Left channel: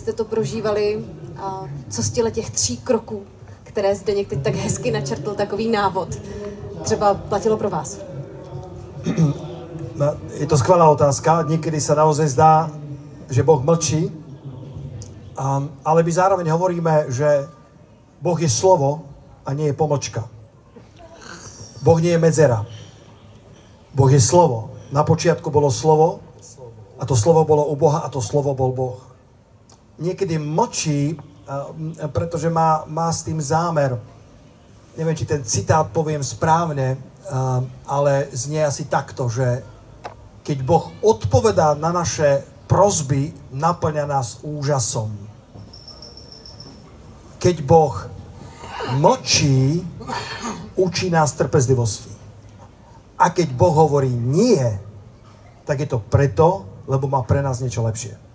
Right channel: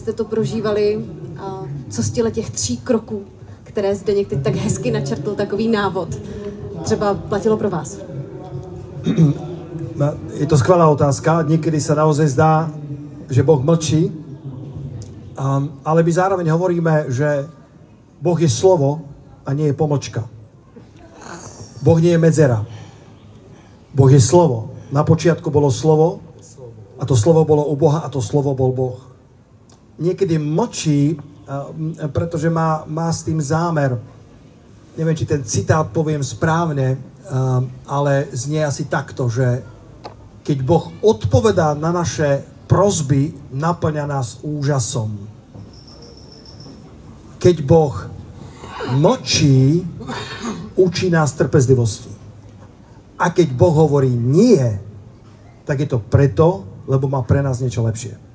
Jste to prožívali, co z těch 3 kroků, které Zdeněk teď tak hezky načrtl, takový návod, třeba platilo pro vás? Je to skvelá otázka. Niekedy sa naozaj zdá, že Boh mlčí, ale my zároveň hovoríme, že Boh je slovo a nie je pomlčka. Boh nie je medzera. Boh je slovo. Na počiatku bolo slovo a to slovo bolo u Boha a to slovo bol Boh. Niekedy mlčí, pretože má s tým zámer. Neviem, či ten citát poviem správne, ale znie asi takto, že keď Boh odpovedá na naše prosby, naplňa nás úžasom. Keď Boh mlčí, učí nás trpezlivosti. A keď Boh hovorí nie, tak je to preto, lebo má pre nás niečo lepšie.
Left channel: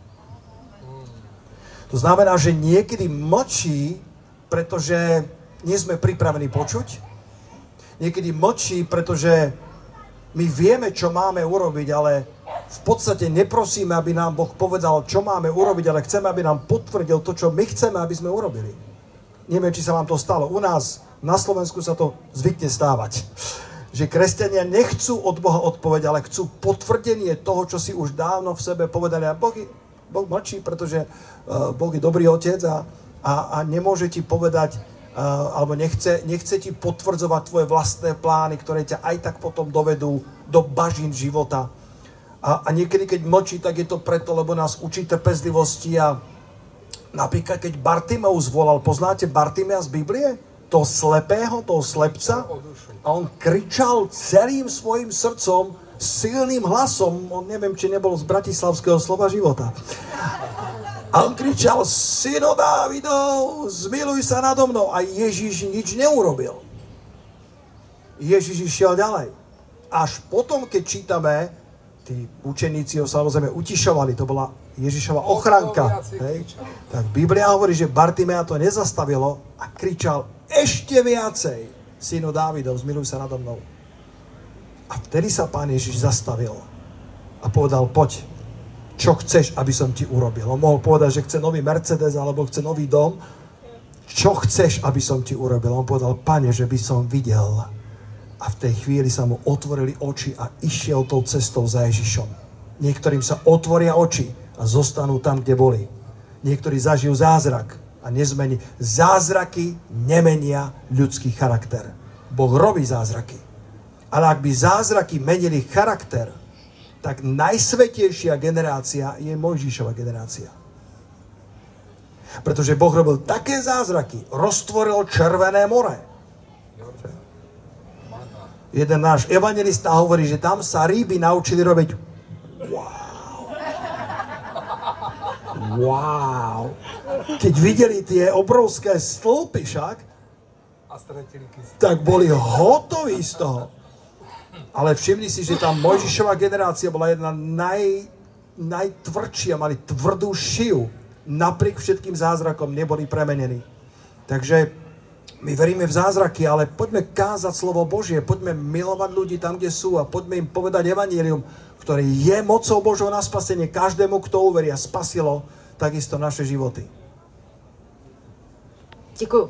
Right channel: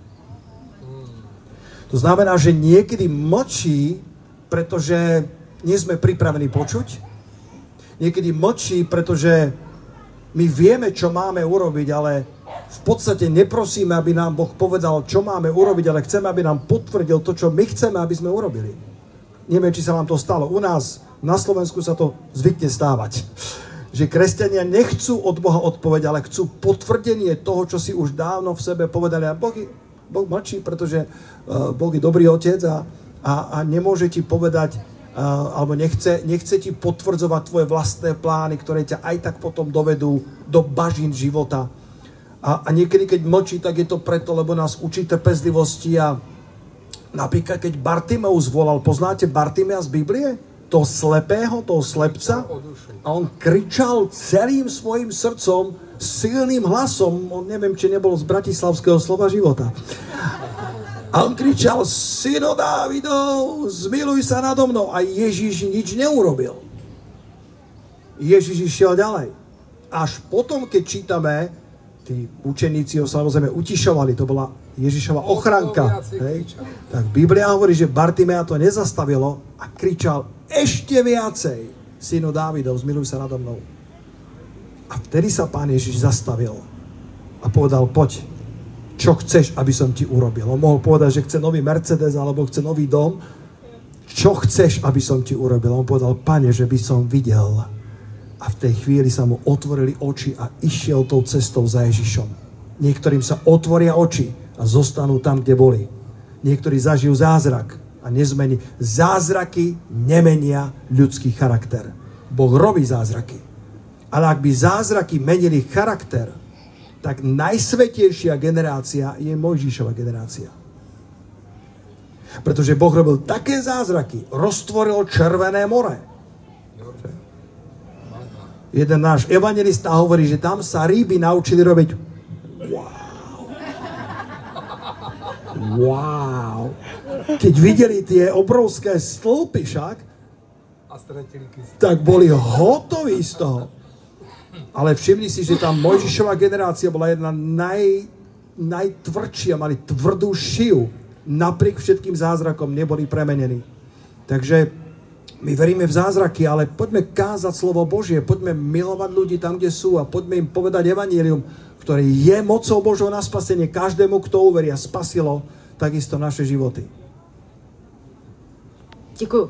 To znamená, že niekedy mlčí, pretože nie sme pripravení počuť. Niekedy mlčí, pretože my vieme, čo máme urobiť, ale v podstate neprosíme, aby nám Boh povedal, čo máme urobiť, ale chceme, aby nám potvrdil to, čo my chceme, aby sme urobili. Neviem, či sa vám to stalo. U nás na Slovensku sa to zvykne stávať. Že kresťania nechcú od Boha odpoveď, ale chcú potvrdenie toho, čo si už dávno v sebe povedali. A Boh mlčí, pretože Boh je dobrý otec a nemôže ti povedať, alebo nechce ti potvrdzovať tvoje vlastné plány, ktoré ťa aj tak potom dovedú do bažín života. A niekedy, keď mlčí, tak je to preto, lebo nás učí trpezlivosti. A napríklad, keď Bartimeus volal, poznáte Bartimea z Biblie? Toho slepého, toho slepca? A on kričal celým svojim srdcom, silným hlasom, on neviem, či nebol z bratislavského Slova života. A on kričal, syno Dávidov, zmiluj sa nado mnou. A Ježiš nič neurobil. Ježiš išiel ďalej. Až potom, keď čítame, tí učeníci ho samozrejme utišovali, to bola Ježišova ochranka. Tak Biblia hovorí, že Bartimea to nezastavilo a kričal ešte viacej, synu Dávidov, zmiluj sa nado mnou. A vtedy sa Pán Ježiš zastavil a povedal, poď, čo chceš, aby som ti urobil. On mohol povedať, že chce nový Mercedes alebo chce nový dom. Čo chceš, aby som ti urobil? On povedal, Pane, že by som videl. A v tej chvíli sa mu otvorili oči a išiel tou cestou za Ježišom. Niektorým sa otvoria oči a zostanú tam, kde boli. Niektorí zažijú zázrak a nezmení. Zázraky nemenia ľudský charakter. Boh robí zázraky. Ale ak by zázraky menili charakter, tak najsvätejšia generácia je Mojžišova generácia. Pretože Boh robil také zázraky, roztvoril Červené more. Jeden náš evangelista hovorí, že tam sa ryby naučili robiť wow. Keď videli tie obrovské stĺpy však, tak boli hotoví z toho. Ale všimni si, že tá Mojžišova generácia bola jedna najtvrdšia, mali tvrdú šiju. Napriek všetkým zázrakom neboli premenení. Takže my veríme v zázraky, ale poďme kázať slovo Božie, poďme milovať ľudí tam, kde sú a poďme im povedať evanjelium, ktoré je mocou Božou na spasenie každému, kto uverí a spasilo takisto naše životy. Děkuju.